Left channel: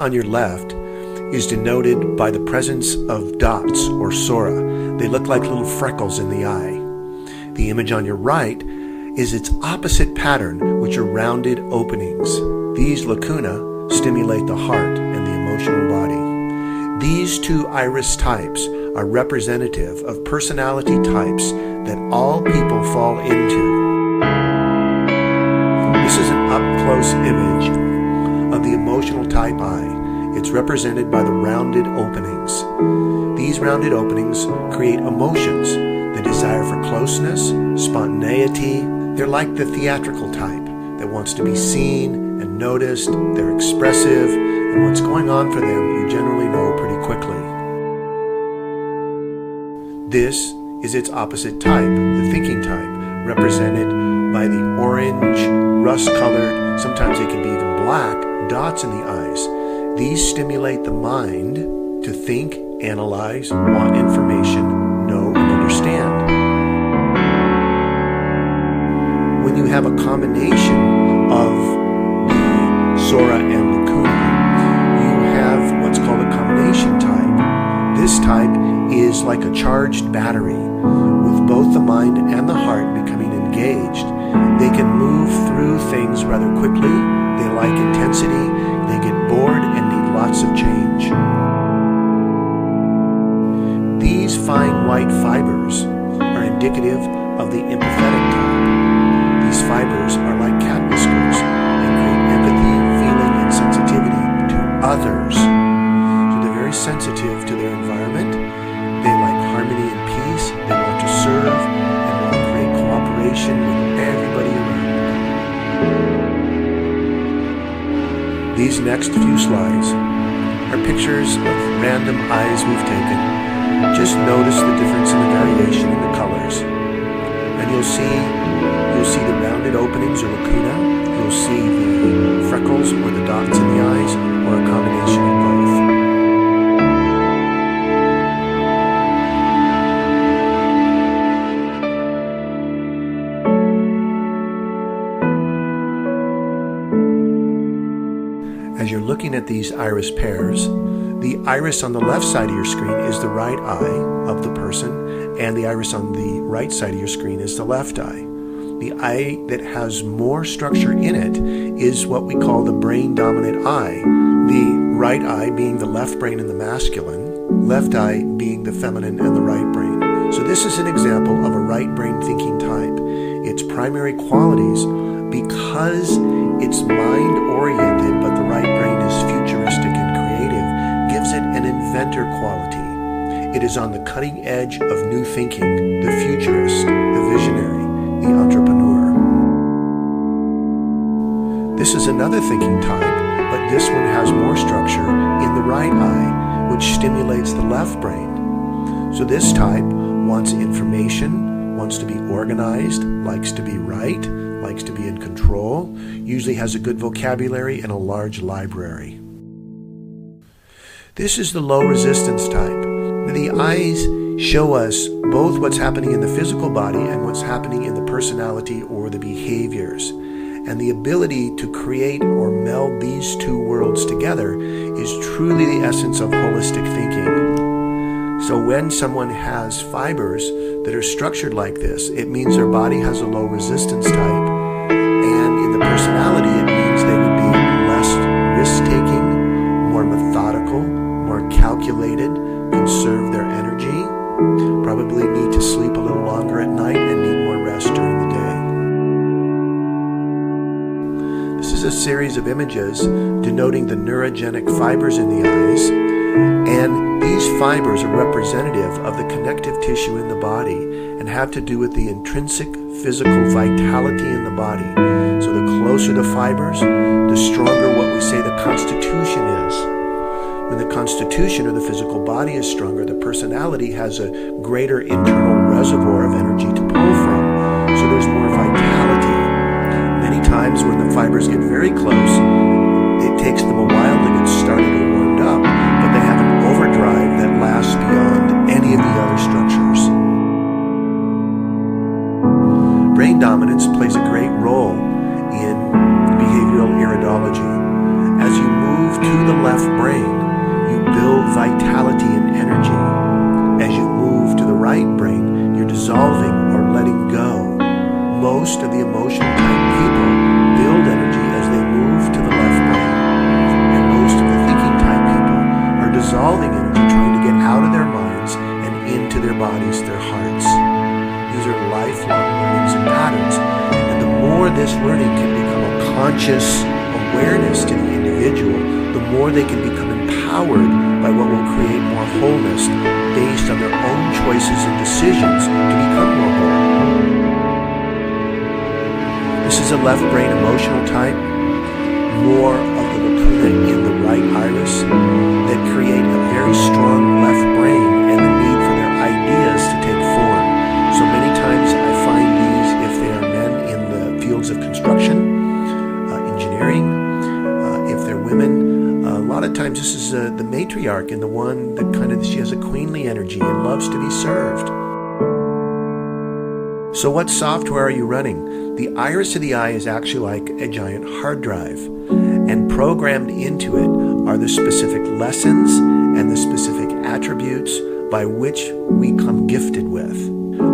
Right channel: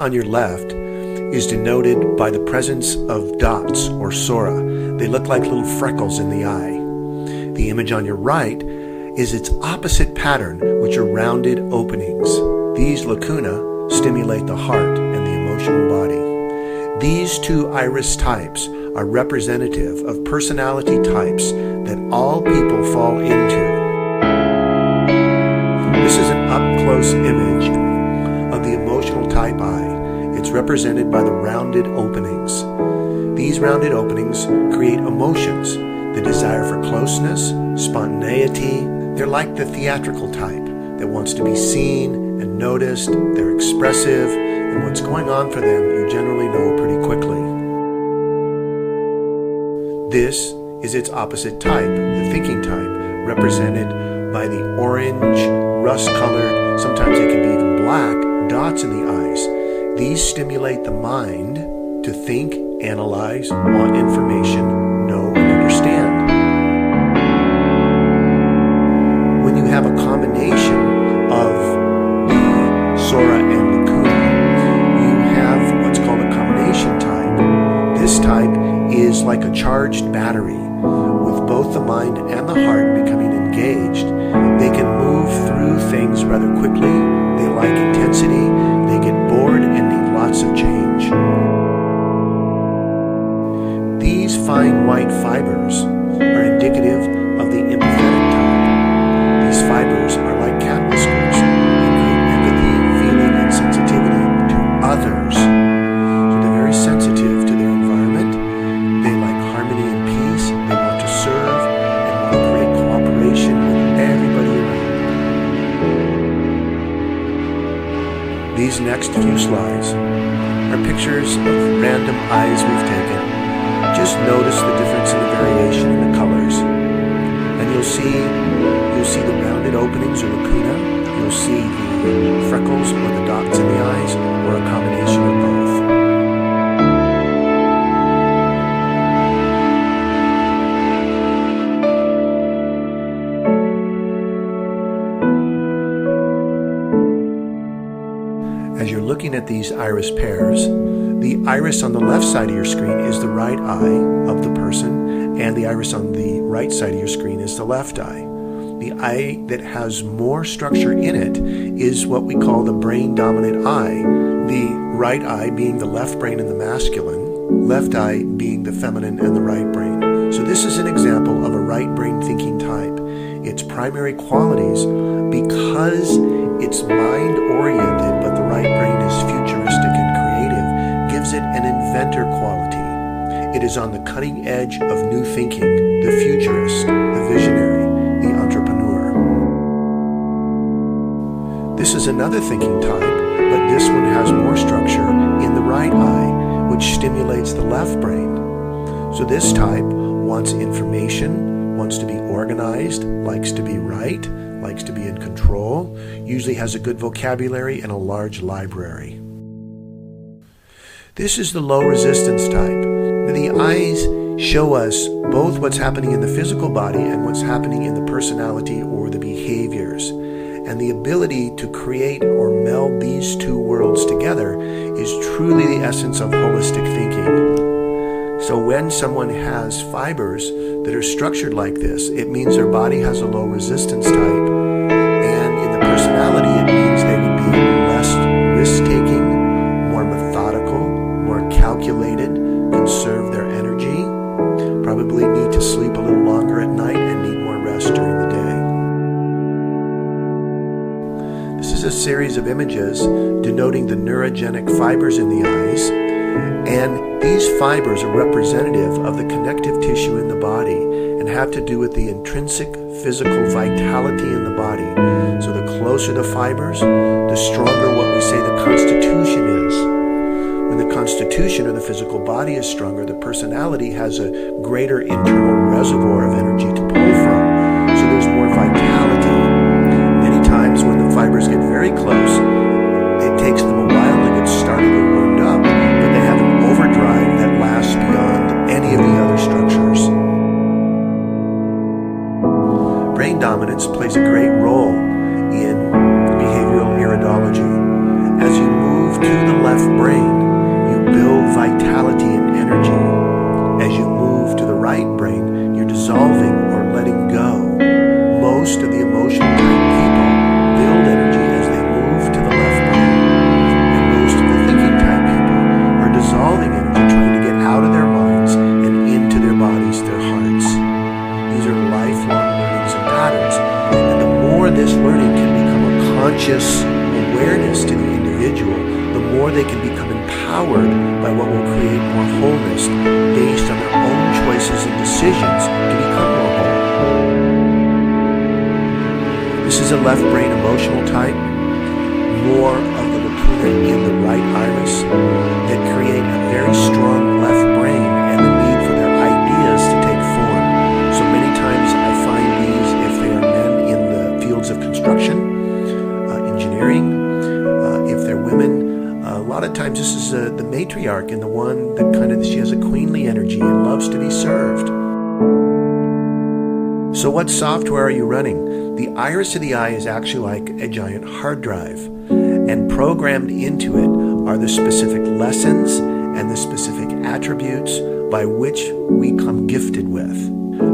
on your left is denoted by the presence of dots or sora. They look like little freckles in the eye. The image on your right is its opposite pattern, which are rounded openings. These lacuna stimulate the heart and the emotional body. These two iris types are representative of personality types that all people fall into. This is an up-close image of the emotional type eye. It's represented by the rounded openings. These rounded openings create emotions, the desire for closeness, spontaneity. They're like the theatrical type that wants to be seen and noticed. They're expressive, and what's going on for them you generally know pretty quickly. This is its opposite type, the thinking type, represented by the orange, rust-colored, sometimes they can be even black, dots in the eyes. These stimulate the mind to think, analyze, want information, know, and understand. When you have a combination of the sora and lacuna, you have what's called a combination type. This type is like a charged battery, with both the mind and the heart becoming engaged. They can move through things rather quickly. They like intensity. They get bored and need lots of change. These fine white fibers are indicative of the empathetic type. These fibers are like cat whiskers and create empathy, feeling, and sensitivity to others. So they're very sensitive to their environment. They like harmony and peace. They want to serve and want to create cooperation with everybody around them. These next few slides are pictures of random eyes we've taken. Just notice the difference in the variation in the colors. And you'll see the rounded openings or lacuna. You'll see the freckles or the dots in the eyes, or a combination of both. As you're looking at these iris pairs, the iris on the left side of your screen is the right eye of the person, and the iris on the right side of your screen is the left eye. The eye that has more structure in it is what we call the brain-dominant eye, the right eye being the left brain and the masculine, left eye being the feminine and the right brain. So this is an example of a right brain thinking type. Its primary qualities, because it's mind-oriented, but the right brain is futuristic and creative, gives it an inventor quality. It is on the cutting edge of new thinking, the futurist, the visionary, the entrepreneur. This is another thinking type, but this one has more structure in the right eye, which stimulates the left brain. So this type wants information, wants to be organized, likes to be right, likes to be in control, usually has a good vocabulary and a large library. This is the low resistance type. The eyes show us both what's happening in the physical body and what's happening in the personality or the behaviors. And the ability to create or meld these two worlds together is truly the essence of holistic thinking. So when someone has fibers that are structured like this, it means their body has a low resistance type. And in the personality, it means they would be less risk-taking, more methodical, more calculated, conserve their energy, probably need to sleep a little longer at night and need more rest during the day. This is a series of images denoting the neurogenic fibers in the eyes, and these fibers are representative of the connective tissue in the body and have to do with the intrinsic physical vitality in the body. So the closer the fibers, the stronger what we say the constitution is. When the constitution or the physical body is stronger, the personality has a greater internal reservoir of energy to pull from. So there's more vitality. Many times when the fibers get very close, it takes them a while to get started or warmed up, but they have an overdrive that lasts beyond any of the other structures. Brain dominance plays a great role in behavioral iridology, As you move to the left brain, you build vitality and energy. As you move to the right brain, you're dissolving or letting go. Most of the emotional type people build energy as they move to the left brain. And most of the thinking type people are dissolving energy, trying to get out of their minds and into their bodies, their hearts. These are lifelong learnings and patterns. And the more this learning can become a conscious awareness to the individual, the more they can become empowered by what will create more wholeness based on their own choices and decisions to become more whole. This is a left brain emotional type, more of the lacuna in the right iris that create a very strong left brain and the need for their ideas to take form. So many times I find these, if they are men in the fields of construction, engineering, if they're women, a lot of times this is the matriarch and the one that she has a queenly energy and loves to be served. So what software are you running? The iris of the eye is actually like a giant hard drive, and programmed into it are the specific lessons and the specific attributes by which we come gifted with.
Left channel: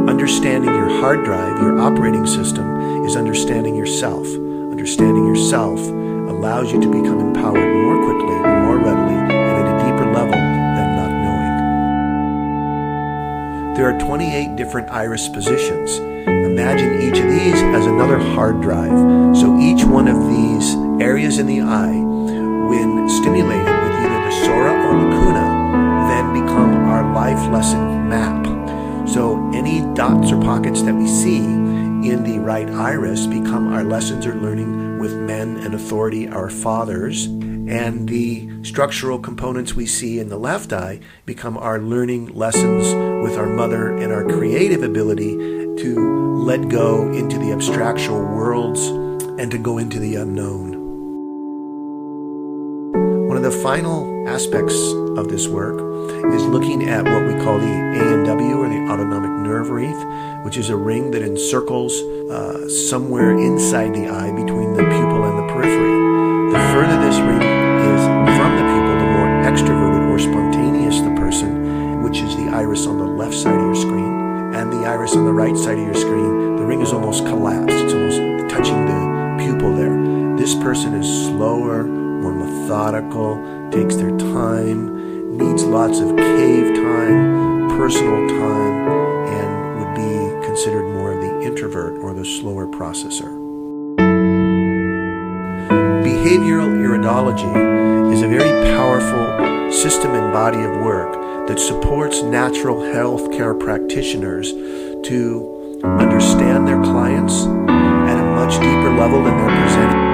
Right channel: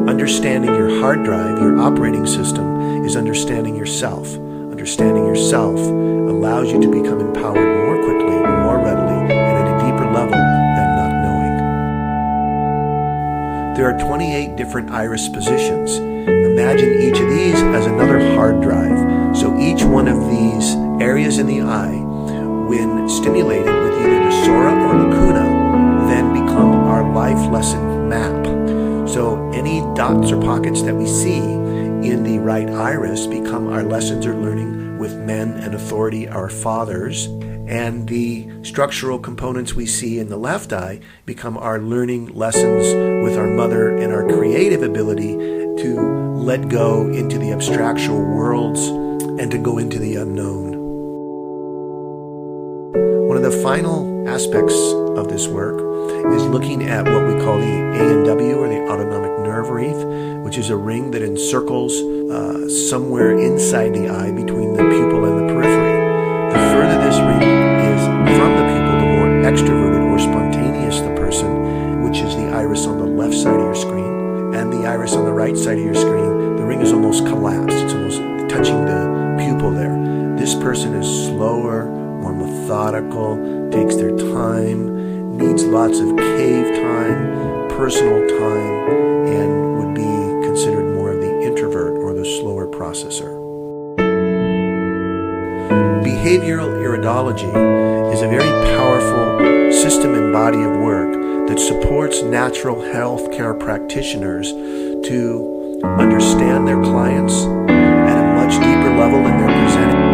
Understanding your hard drive, your operating system, is understanding yourself. Understanding yourself allows you to become empowered more quickly, more readily, and at a deeper level than not knowing. There are 28 different iris positions. Imagine each of these as another hard drive. So each one of these areas in the eye, when stimulated with either the sora or lacuna, then become our life lesson map. So any dots or pockets that we see in the right iris become our lessons or learning with men and authority, our fathers, and the structural components we see in the left eye become our learning lessons with our mother and our creative ability to let go into the abstractual worlds and to go into the unknown. One of the final aspects of this work is looking at what we call the ANW, or the autonomic nerve wreath, which is a ring that encircles somewhere inside the eye between the pupil and the periphery. The further this ring is from the pupil, the more extroverted or spontaneous the person, which is the iris on the left side of your screen, and the iris on the right side of your screen. The ring is almost collapsed. It's almost touching the pupil there. This person is slower, more methodical, takes their time, needs lots of cave time, personal time, and would be considered more of the introvert or the slower processor. Behavioral iridology is a very powerful system and body of work that supports natural health care practitioners to understand their clients at a much deeper level than they're presenting.